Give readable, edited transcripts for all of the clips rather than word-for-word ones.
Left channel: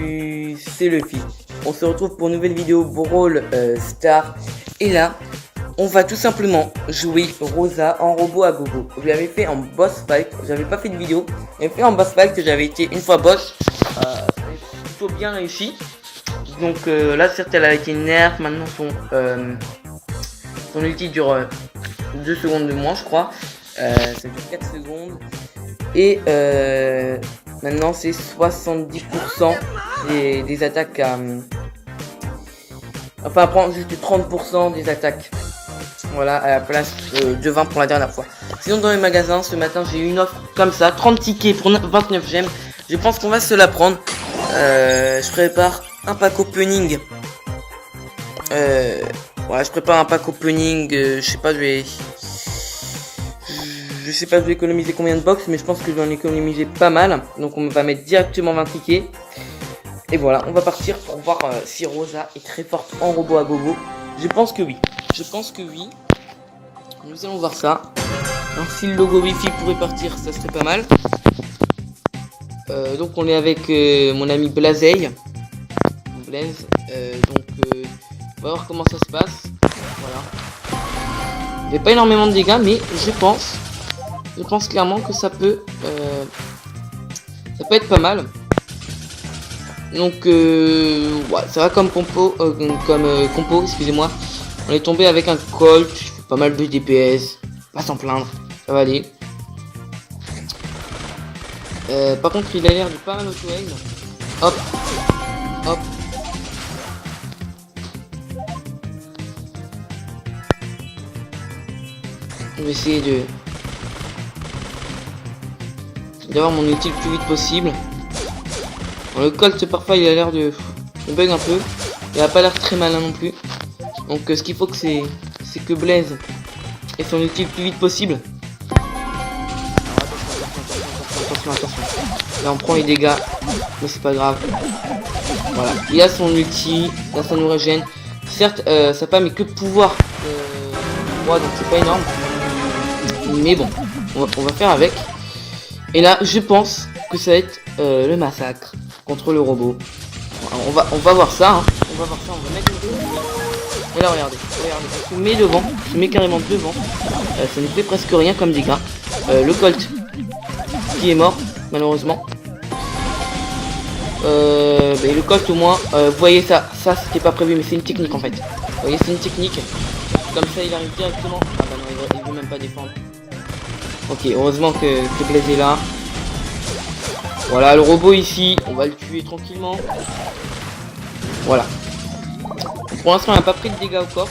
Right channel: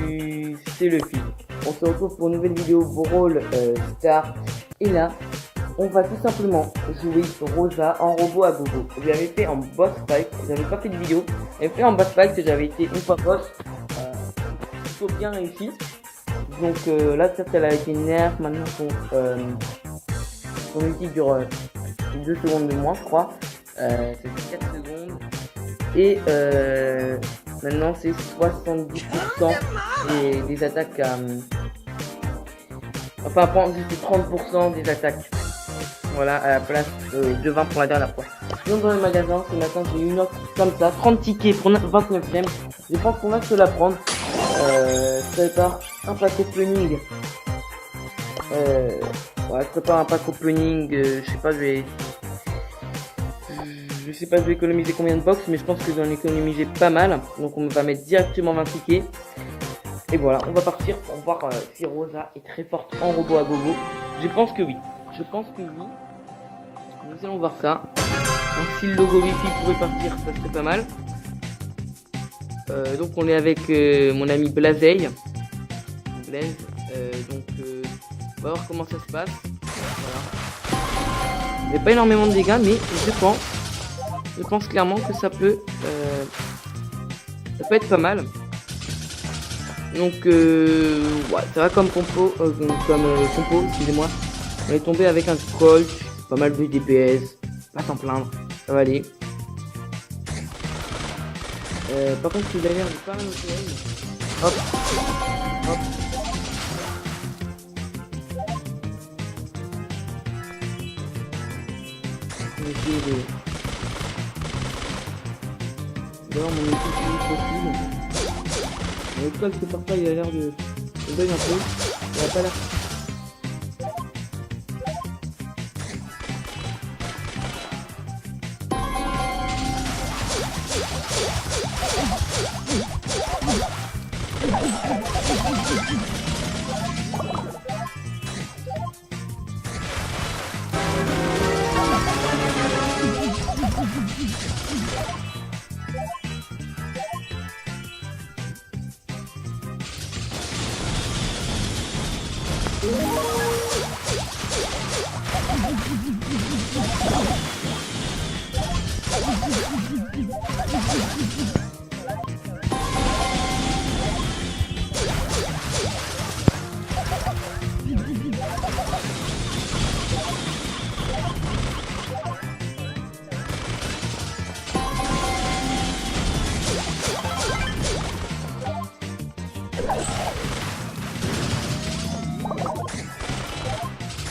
Salut, c'est Luffy. On se retrouve pour une nouvelle vidéo Brawl Star. Et là, on va tout simplement jouer Rosa en robot à gogo. Je l'avais fait en boss fight, j'avais pas fait de vidéo. J'avais fait en boss fight que j'avais été une fois boss. Plutôt bien réussi. Donc là, certes, elle a été nerf. Maintenant, son ulti dure 2 secondes de moins, je crois. Ça fait 4 secondes. Et maintenant c'est 70% des attaques enfin prendre juste 30% des attaques. Voilà, à la place de 20 pour la dernière fois. Sinon dans les magasins ce matin j'ai eu une offre comme ça, 30 tickets pour 29 gemmes. Je pense qu'on va se la prendre. Je prépare un pack opening. Voilà, je prépare un pack opening. Je sais pas, je vais économiser combien de box, mais je pense que je vais en économiser pas mal. Donc on va mettre directement 20 tickets. Et voilà, on va partir pour voir si Rosa est très forte en robot à gogo. Je pense que oui. Nous allons voir ça. Alors, si le logo Wi-Fi pourrait partir, ça serait pas mal. Donc on est avec mon ami Blaze. On va voir comment ça se passe. Voilà. Il n'y a pas énormément de dégâts, mais je pense clairement que ça peut être pas mal. Donc ouais, ça va comme compo, excusez-moi. On est tombé avec un Colt, pas mal de DPS, pas s'en plaindre, ça va aller. Par contre il a l'air de pas mal auto-aim. Hop, hop. Je vais essayer d'avoir mon outil le plus vite possible. Bon, le Colt parfois il a l'air de bug un peu. Il a pas l'air très malin non plus. Donc ce qu'il faut c'est que Blaze ait son outil le plus vite possible. Là on prend les dégâts, mais c'est pas grave. Voilà. Il a son ulti, ça nous régène. Certes ça pas mais que pouvoir. C'est pas énorme. Mais bon, on va faire avec. Et là, je pense que ça va être le massacre contre le robot. Alors, on va voir ça. Hein. On va voir ça. Et là, regardez. Je mets devant. Je mets carrément devant. Ça ne fait presque rien comme dégâts. Le Colt qui est mort, malheureusement. Et le Colt au moins, vous voyez ça c'était pas prévu, mais c'est une technique en fait. Vous voyez, c'est une technique. Comme ça, il arrive directement. Il peut même pas défendre. Ok, heureusement que Blaze est là. Voilà, le robot ici, on va le tuer tranquillement. Voilà. Pour l'instant, on n'a pas pris de dégâts au corps.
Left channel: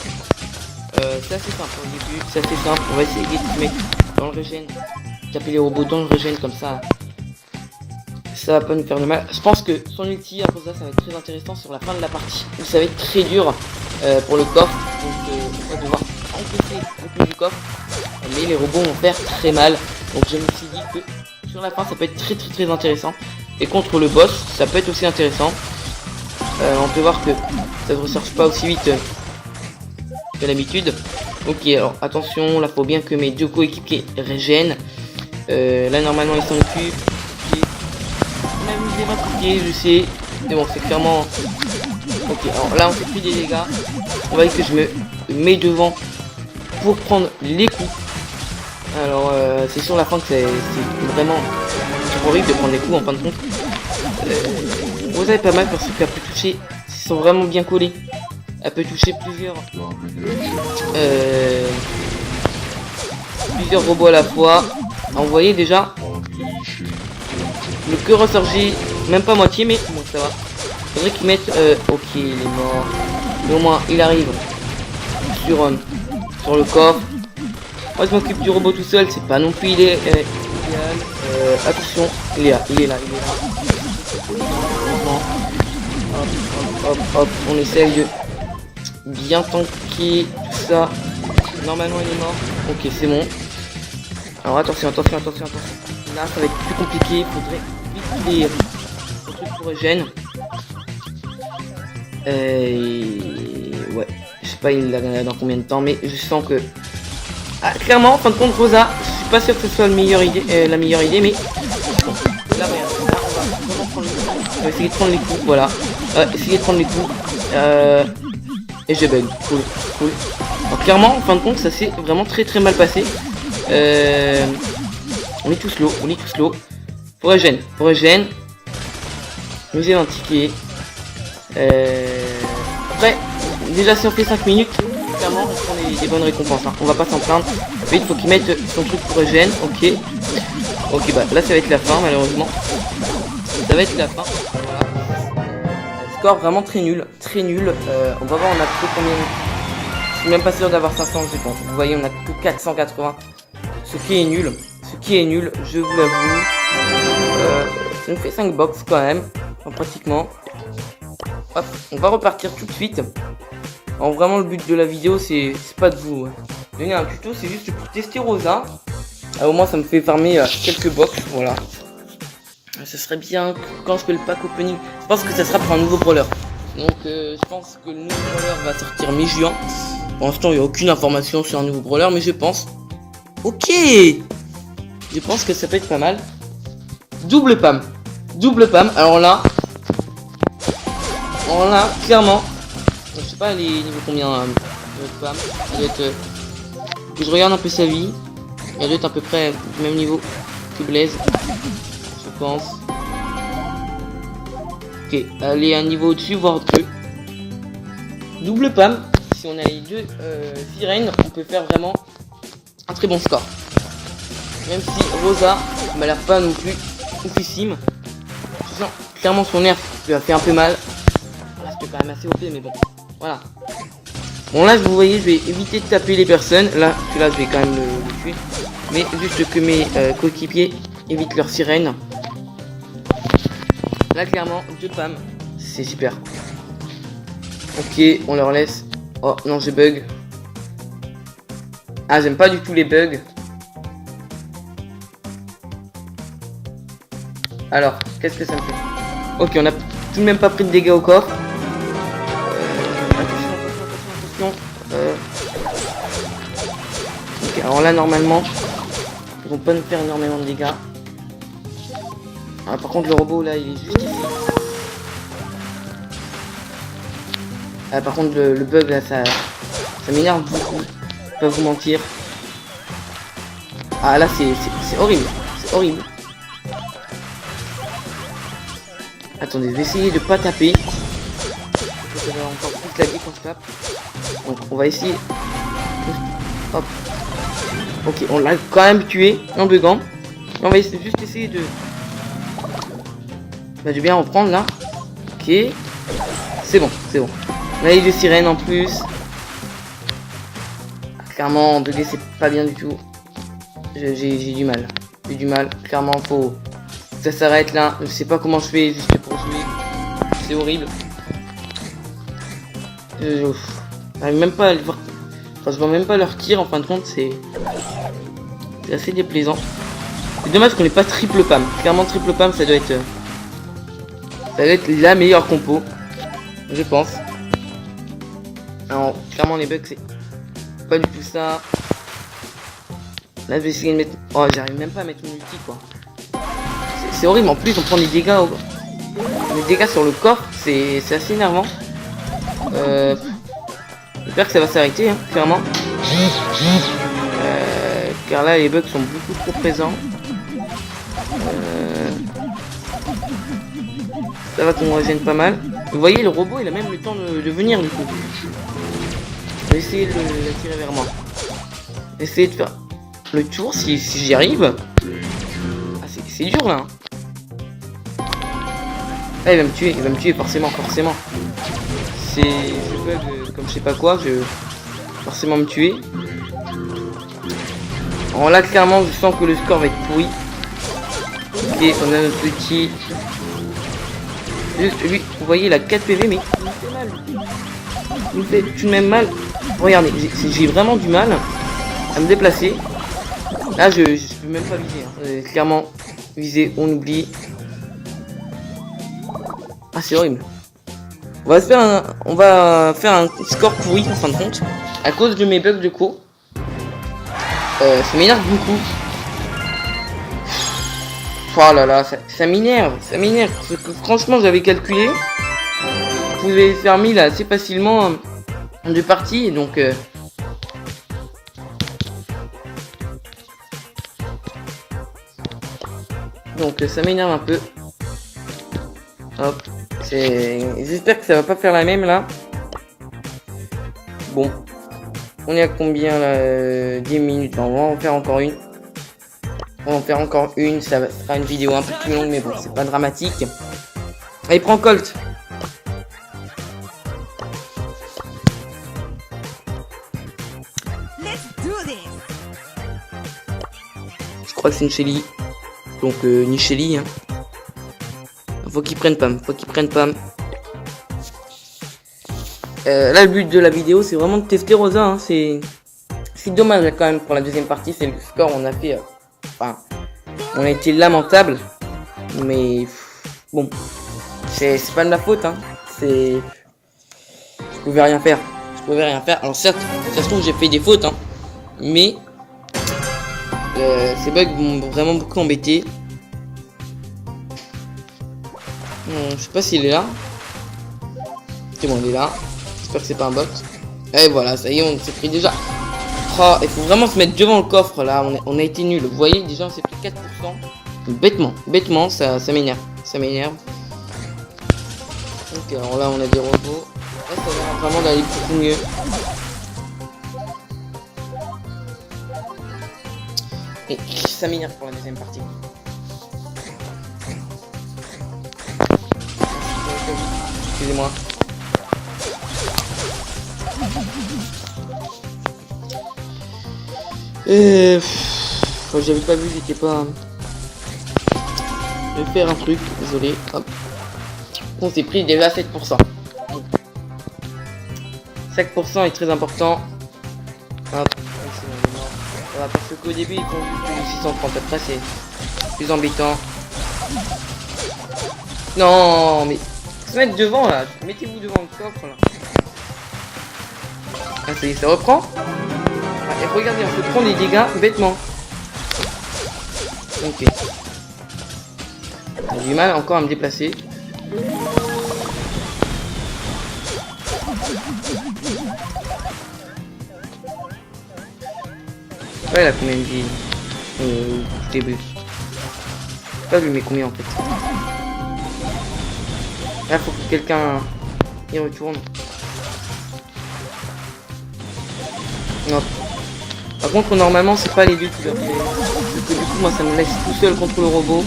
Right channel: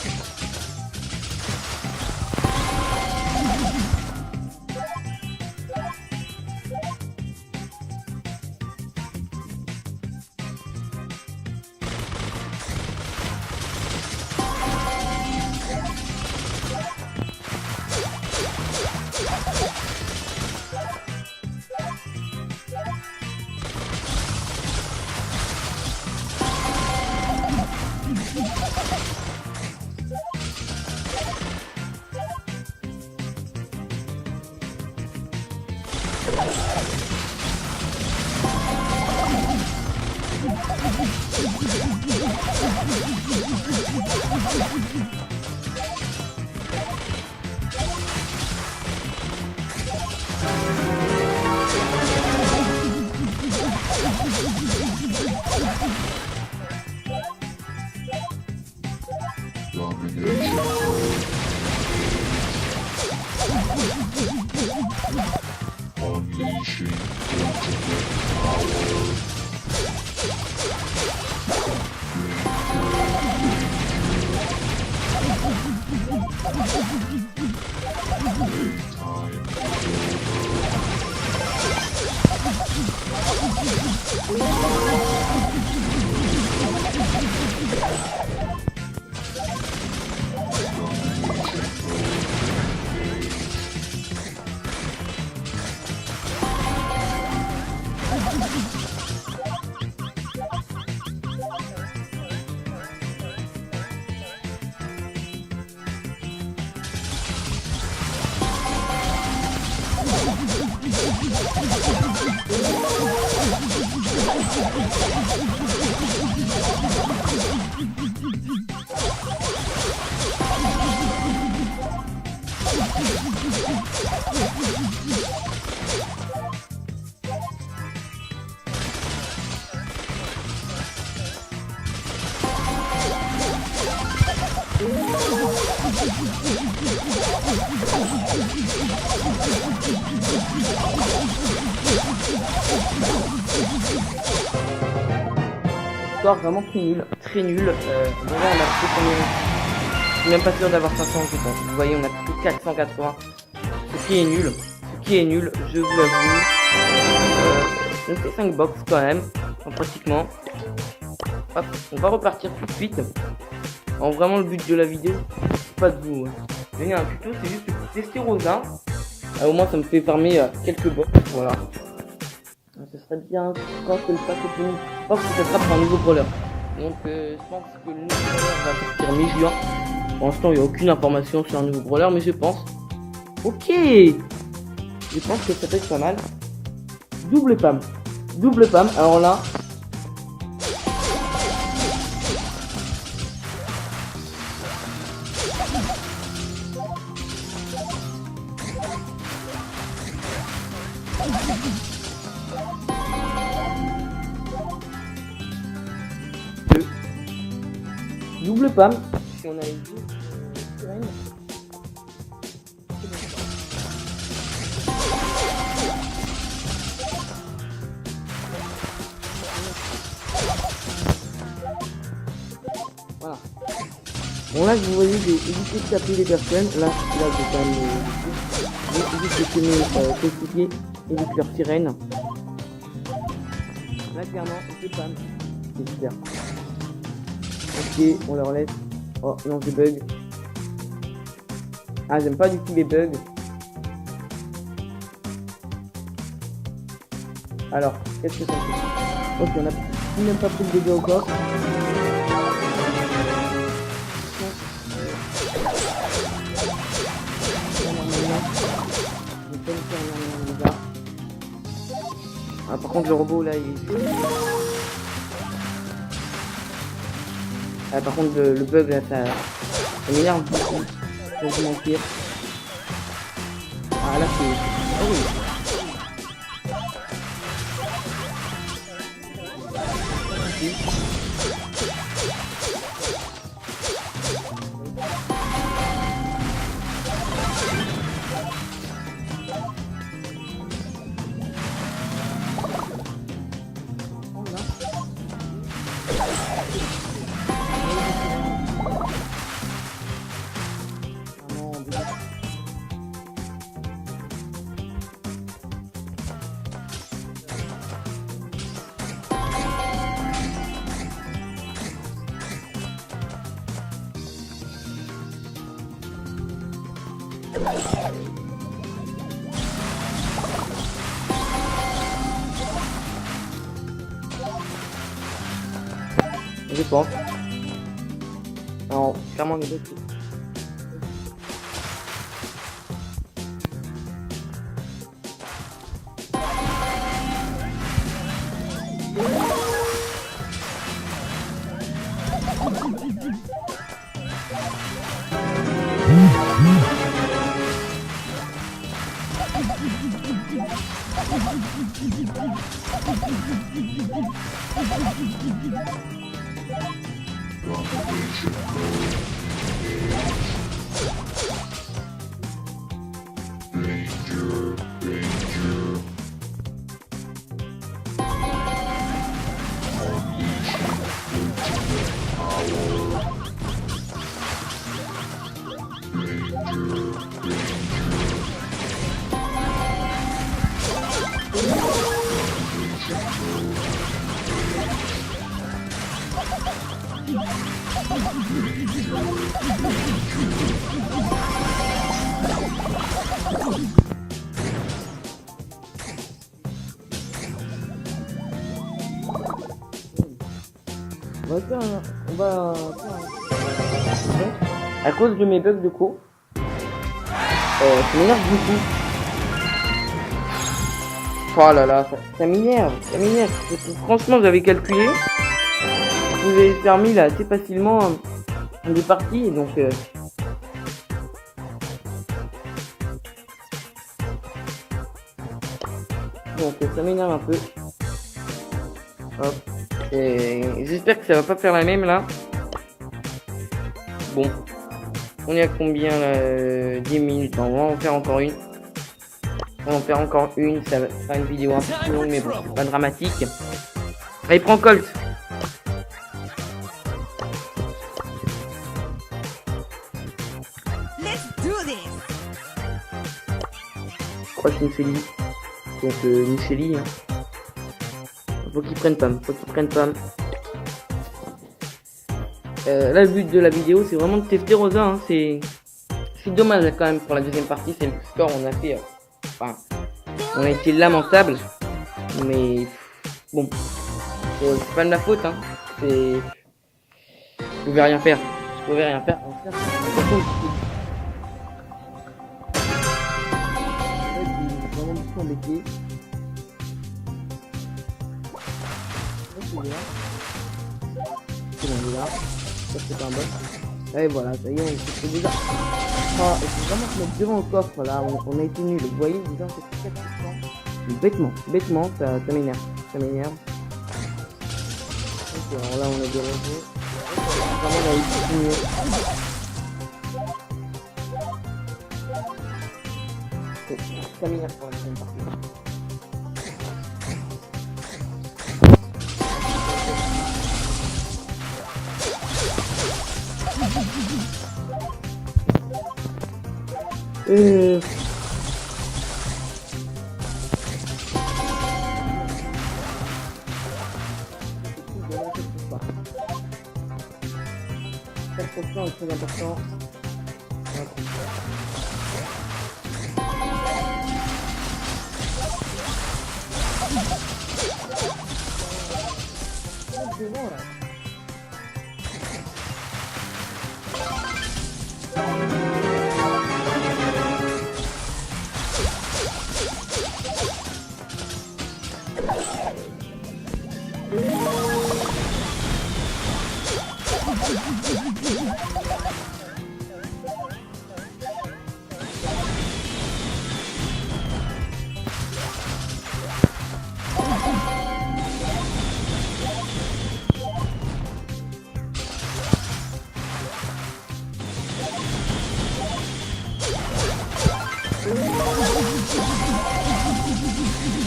C'est assez simple. On va essayer de mettre dans le régène. Taper les robots dans le régène comme ça. Ça va pas nous faire de mal. Je pense que son ulti, après ça va être très intéressant sur la fin de la partie. Ça va être très dur pour le coffre. Donc, on va devoir encaisser du coffre. Et les robots vont faire très mal. Donc, je me suis dit que sur la fin, ça peut être très intéressant. Et contre le boss, ça peut être aussi intéressant. On peut voir que ça ne ressorte pas aussi vite que d'habitude. Ok, alors attention, là, faut bien que mes deux coéquipiers régènent. Là, normalement, ils sont au cul. Je sais, mais bon, c'est clairement. Ok, alors là on fait plus des dégâts. On va essayer de me mettre devant pour prendre les coups. Alors c'est sur la fin que c'est vraiment horrible de prendre des coups en fin de compte. Vous avez pas mal parce qu'elle peut toucher, ils sont vraiment bien collés. Elle peut toucher plusieurs robots à la fois. Alors, vous voyez déjà. Le plus ressorti, même pas moitié, mais bon, ça va. C'est vrai qu'ils mettent. Ok, mais au moins il arrive sur le corps. Moi je m'occupe du robot tout seul, c'est pas non plus il est. Attention, il est là. Hop, on essaye de bien tanker tout ça. Normalement il est mort. Ok, c'est bon. Alors attention. Là ça va être plus compliqué. Et pour régène. Ouais, je sais pas il l'a gagné dans combien de temps, mais je sens que clairement en fin de compte Rosa, je suis pas sûr que ce soit la meilleure idée, mais Je vais essayer de prendre les coups, voilà. Essayer de prendre les coups. Et je bug. Cool, cool. Alors, clairement, en fin de compte, ça s'est vraiment très mal passé. On est tous slow, on est tous slow. Pour Eugène. Musée antiqué. Ouais, déjà si on fait 5 minutes, clairement, c'est des bonnes récompenses. Hein. On va pas s'en plaindre. Il faut qu'il mette son coup pour Eugène, ok. Ok, bah là ça va être la fin, malheureusement. Ça va être la fin. Score vraiment très nul. On va voir, on a plutôt combien. Je suis même pas sûr d'avoir 500, je pense. Vous voyez, on a plutôt 480. Ce qui est nul, je vous l'avoue. On fait 5 box quand même, pratiquement. Hop, on va repartir tout de suite. Alors, vraiment, le but de la vidéo, c'est pas de vous donner un tuto, c'est juste pour tester Rosa. Au moins, ça me fait farmer quelques box, voilà. Ce serait bien quand je fais le pack opening. Je pense que ça sera pour un nouveau brawler. Donc, je pense que le nouveau brawler va sortir mi-juin. Pour l'instant, il n'y a aucune information sur un nouveau brawler, mais je pense. Ok, je pense que ça peut être pas mal. Double pam. Alors là, clairement, je sais pas les niveaux combien de pam. Je regarde un peu sa vie. Elle doit être à peu près au même niveau que Blaze, je pense. Ok, elle est un niveau au-dessus, voire 2. Double pam. Si on a les deux sirènes, on peut faire vraiment un très bon score. Même si Rosa m'a l'air pas non plus oufissime. Clairement son nerf lui a fait un peu mal. C'est quand même assez OP, mais bon. Voilà. Bon là vous voyez, je vais éviter de taper les personnes. Là je vais quand même le tuer. Mais juste que mes coéquipiers évitent leur sirène. Là clairement, 2 pam. C'est super. Ok, on leur laisse. Oh non, j'ai bug. Ah, j'aime pas du tout les bugs. Alors, qu'est-ce que ça me fait? Ok, on a tout de même pas pris de dégâts au corps. Donc, okay, alors là, normalement, ils vont pas nous faire énormément de dégâts. Ah, par contre, le robot là, il est juste. Ah, par contre, le bug là, ça m'énerve beaucoup. Je vais pas vous mentir. Ah, là, c'est horrible. C'est horrible. Attendez, je vais essayer de pas taper. Donc, on va essayer. Hop. Ok, on l'a quand même tué en buguant. On va juste essayer de. Bah, je vais bien en prendre là. Ok. C'est bon. On a les deux sirènes en plus. Clairement, en bugger, c'est pas bien du tout. J'ai du mal. Clairement, faut. Ça s'arrête là. Je sais pas comment je fais juste pour jouer. C'est horrible. J'arrive même pas à le voir. Enfin, je vois même pas leur tir. En fin de compte, c'est assez déplaisant. C'est dommage qu'on n'ait pas triple pam. Clairement, triple pam, ça doit être la meilleure compo. Je pense. Alors, clairement, les bugs, c'est pas du tout ça. Là, je vais essayer de mettre. Oh, j'arrive même pas à mettre mon ulti, quoi. C'est horrible. En plus, on prend des dégâts sur le corps. C'est assez énervant. J'espère que ça va s'arrêter, hein, clairement. Car là, les bugs sont beaucoup trop présents. Ça va qu'on régène pas mal. Vous voyez, le robot, il a même le temps de venir, du coup. Je vais essayer de tirer vers moi. Essayer de faire le tour si j'y arrive. Ah, c'est dur là. Ah, il va me tuer forcément. C'est comme je sais pas quoi, je vais forcément me tuer. Alors là, clairement, je sens que le score va être pourri. Et on a notre petit. Juste lui, vous voyez, il a 4 PV, mais il me fait tout de même mal. Regardez, j'ai vraiment du mal à me déplacer. Là, je peux même pas viser. Clairement, viser, on oublie. Ah, c'est horrible. On va faire un score pourri en fin de compte. À cause de mes bugs de co. Ça m'énerve beaucoup. Oh là là, ça m'énerve, ça m'énerve. Parce que franchement, j'avais calculé. Vous pouvez faire 1000 assez facilement en 2 parties, donc... Donc ça m'énerve un peu. Hop. J'espère que ça va pas faire la même là. Bon. On est à combien là 10 minutes. On va en faire encore une. On va en faire encore une. Ça sera une vidéo un peu plus longue, mais bon, c'est pas dramatique. Allez, prends Colt. Je crois que c'est une Shelly. Donc une Shelly. Hein. Faut qu'ils prennent Pam. Faut qu'ils prennent Pam. Là, le but de la vidéo, c'est vraiment de tester Rosa. Hein. C'est dommage quand même pour la deuxième partie. C'est le score. On a fait. Enfin, on a été lamentable. Mais bon, c'est pas de ma faute. Hein. Je pouvais rien faire. Je pouvais rien faire. Alors certes, de toute façon, j'ai fait des fautes. Hein. Mais ces bugs m'ont vraiment beaucoup embêté. Je sais pas s'il est là. C'est bon, il est là. J'espère que c'est pas un bot. Et voilà, ça y est, on s'est pris déjà. Oh, il faut vraiment se mettre devant le coffre là. On a été nul. Vous voyez, déjà, on s'est pris 4%. Bêtement, ça m'énerve. Ça m'énerve. Ok, alors là, on a des robots. Ça va vraiment d'aller beaucoup mieux. Et ça m'énerve pour la deuxième partie. Excusez-moi. J'avais pas vu, j'étais pas... Je vais faire un truc, désolé. Hop. On s'est pris déjà 7%. 5% est très important. Hop. Voilà, parce qu'au début, ils sont 630. Après, c'est plus embêtant. Non, mais... Se mettre devant là, mettez-vous devant le coffre là. Ah, ça reprend. Et regardez, on peut prendre les dégâts bêtement. Ok. J'ai du mal encore à me déplacer. Ouais, la combien de vie début. Pas vu mais combien en fait. Là, faut que quelqu'un y retourne. Non. Par contre, normalement, c'est pas les deux tout seuls. Moi, ça me laisse tout seul contre le robot.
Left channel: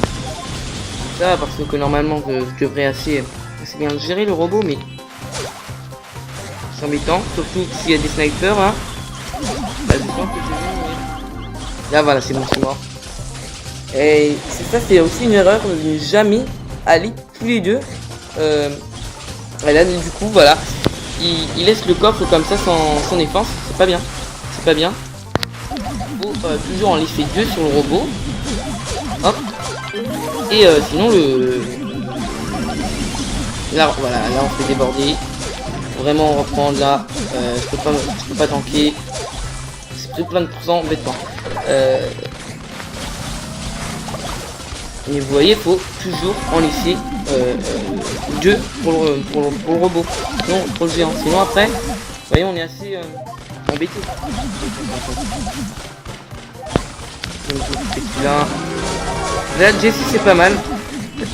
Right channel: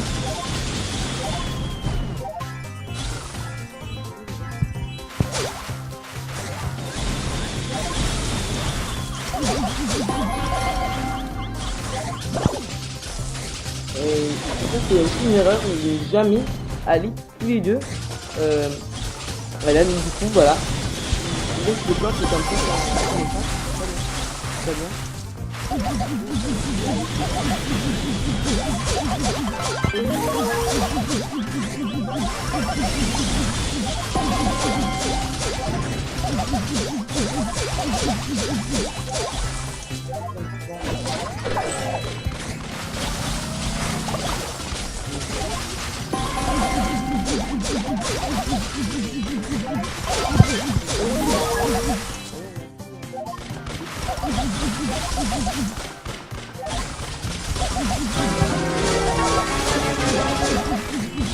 Là, parce que normalement, je devrais assez bien gérer le robot, mais c'est embêtant. Surtout s'il y a des snipers. Hein. Là, voilà, c'est bon, c'est mort. Et ça, c'est aussi une erreur. Je n'ai jamais allé tous les deux. Et là, du coup, voilà. Il laisse le coffre comme ça sans défense. C'est pas bien. C'est pas bien. Il faut toujours en laisser deux sur le robot. Hop. Et sinon, là, voilà, là, on fait déborder. Vraiment, on reprend là. Je peux pas tanker. C'est plein de pourcents bêtement. Mais vous voyez, il faut toujours en laisser deux pour le robot. Sinon, pour le géant. Sinon après, vous voyez, on est assez embêté. Là, Jessie c'est pas mal.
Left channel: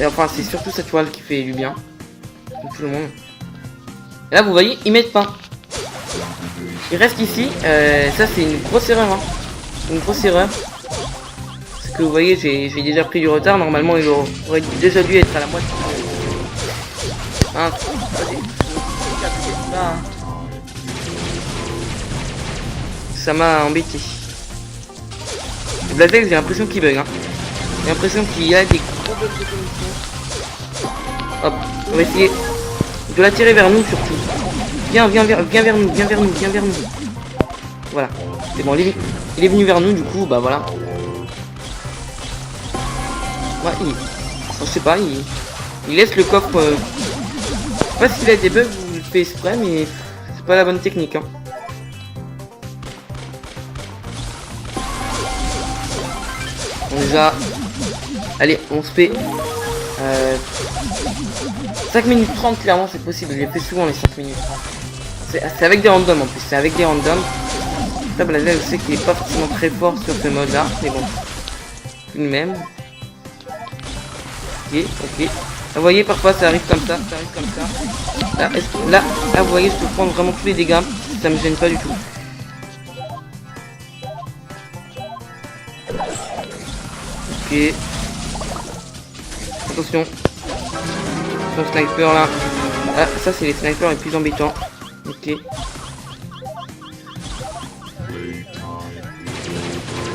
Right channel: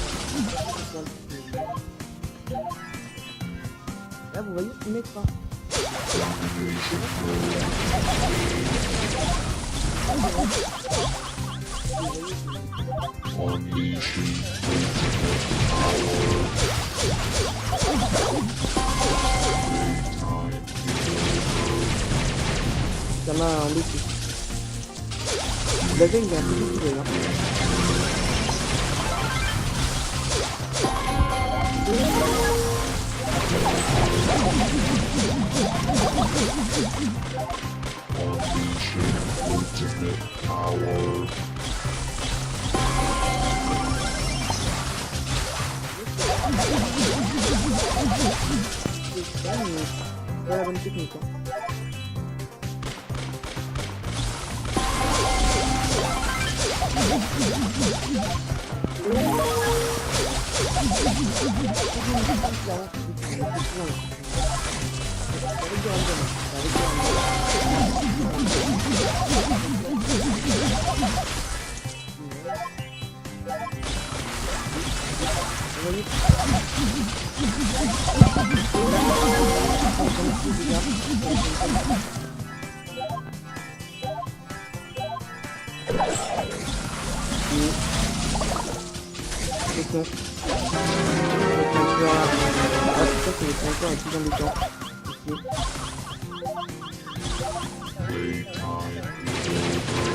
Et enfin, c'est surtout cette toile qui fait du bien. Pour tout le monde. Et là, vous voyez, ils mettent pas. Ils restent ici. Ça, c'est une grosse erreur. Hein. Une grosse erreur. Vous voyez, j'ai déjà pris du retard. Normalement, il aurait déjà dû être à la pointe. Hein. Ça m'a embêté. La tête, j'ai l'impression qu'il bug. Hein. J'ai l'impression qu'il y a des... Hop, on va essayer de l'attirer vers nous. Viens vers nous. Voilà. C'est bon, il est venu vers nous, du coup, bah voilà. Je sais pas, il laisse le coffre. Je sais pas s'il a des bugs ou il fait exprès, mais c'est pas la bonne technique. Hein. Déjà, allez, on se fait 5 minutes 30, clairement c'est possible, je l'ai fait souvent les 5 minutes. C'est avec des randoms en plus, c'est avec des randoms. Ça, Blazer, je sais qu'il est pas forcément très fort sur ce mode là, mais bon. Tout de même. Ok. Vous voyez, parfois ça arrive comme ça, Là, vous voyez, je peux prendre vraiment tous les dégâts, ça me gêne pas du tout. Ok. Attention. Mon sniper là. Ah, ça c'est les snipers les plus embêtants. Ok.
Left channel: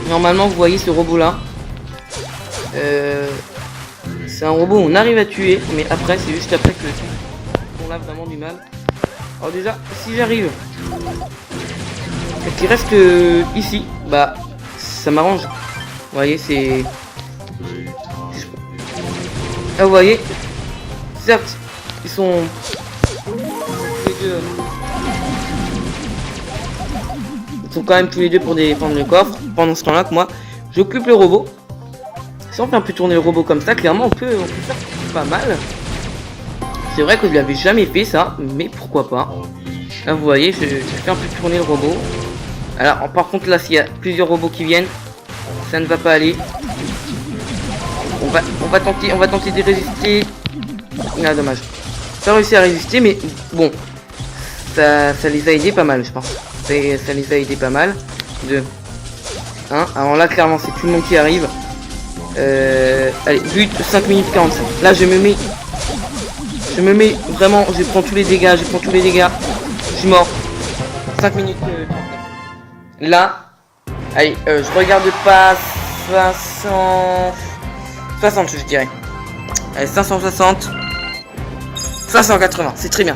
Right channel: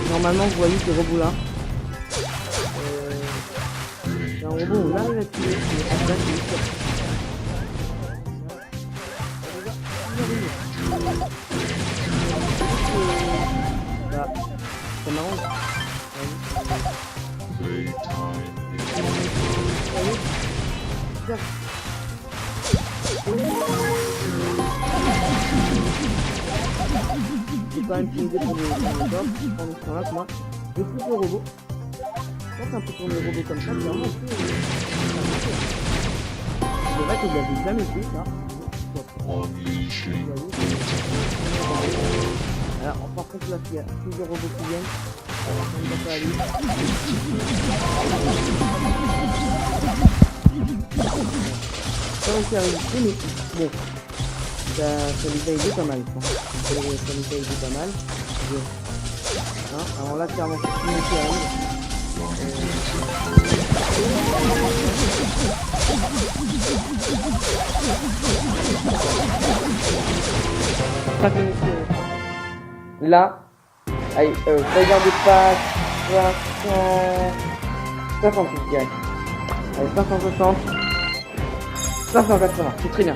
Normalement, vous voyez ce robot là. C'est un robot on arrive à tuer, mais après c'est juste après qu'on a vraiment du mal. Alors déjà, si j'arrive, il reste que ici, bah ça m'arrange. Vous voyez, c'est... Là vous voyez, certes, ils sont... Ils sont quand même tous les deux pour défendre le coffre. Pendant ce temps-là que moi, j'occupe le robot. Si on fait un peu tourner le robot comme ça, clairement on peut faire pas mal. C'est vrai que je l'avais jamais fait ça, mais pourquoi pas. Là vous voyez, je fais un peu tourner le robot. Alors par contre là, s'il y a plusieurs robots qui viennent, ça ne va pas aller. On va tenter de résister. Ah dommage. Pas réussi à résister, mais bon, ça les a aidés pas mal, je pense. Ça les a aidés pas mal. Alors là clairement c'est tout le monde qui arrive. Allez, 8, 5 minutes 40. Là je me mets vraiment, je prends tous les dégâts, je suis mort. 5 minutes 39. Là, allez, je regarde pas 60 je dirais. Allez, 560. 580, c'est très bien,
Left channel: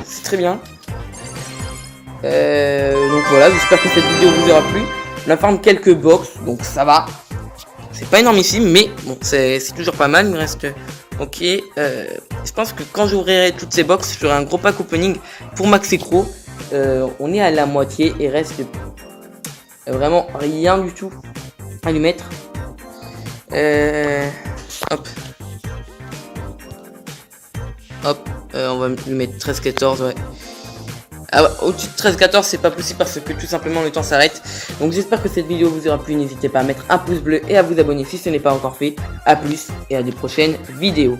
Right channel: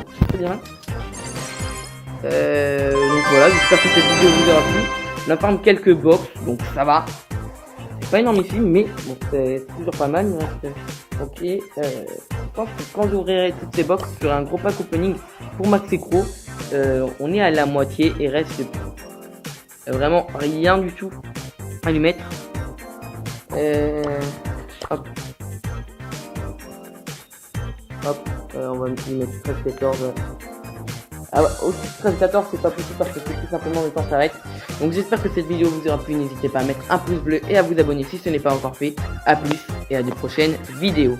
donc voilà, j'espère que cette vidéo vous aura plu. On a farm quelques box, donc ça va. C'est pas énormissime, mais bon, c'est toujours pas mal. Il me reste. Ok. Je pense que quand j'ouvrirai toutes ces box, je ferai un gros pack opening pour Max et Crow. On est à la moitié et reste vraiment rien du tout à lui mettre. Hop. On va lui mettre 13-14, ouais. Ah, au-dessus de 13-14 c'est pas possible parce que tout simplement le temps s'arrête. Donc j'espère que cette vidéo vous aura plu. N'hésitez pas à mettre un pouce bleu et à vous abonner si ce n'est pas encore fait. A plus et à des prochaines vidéos.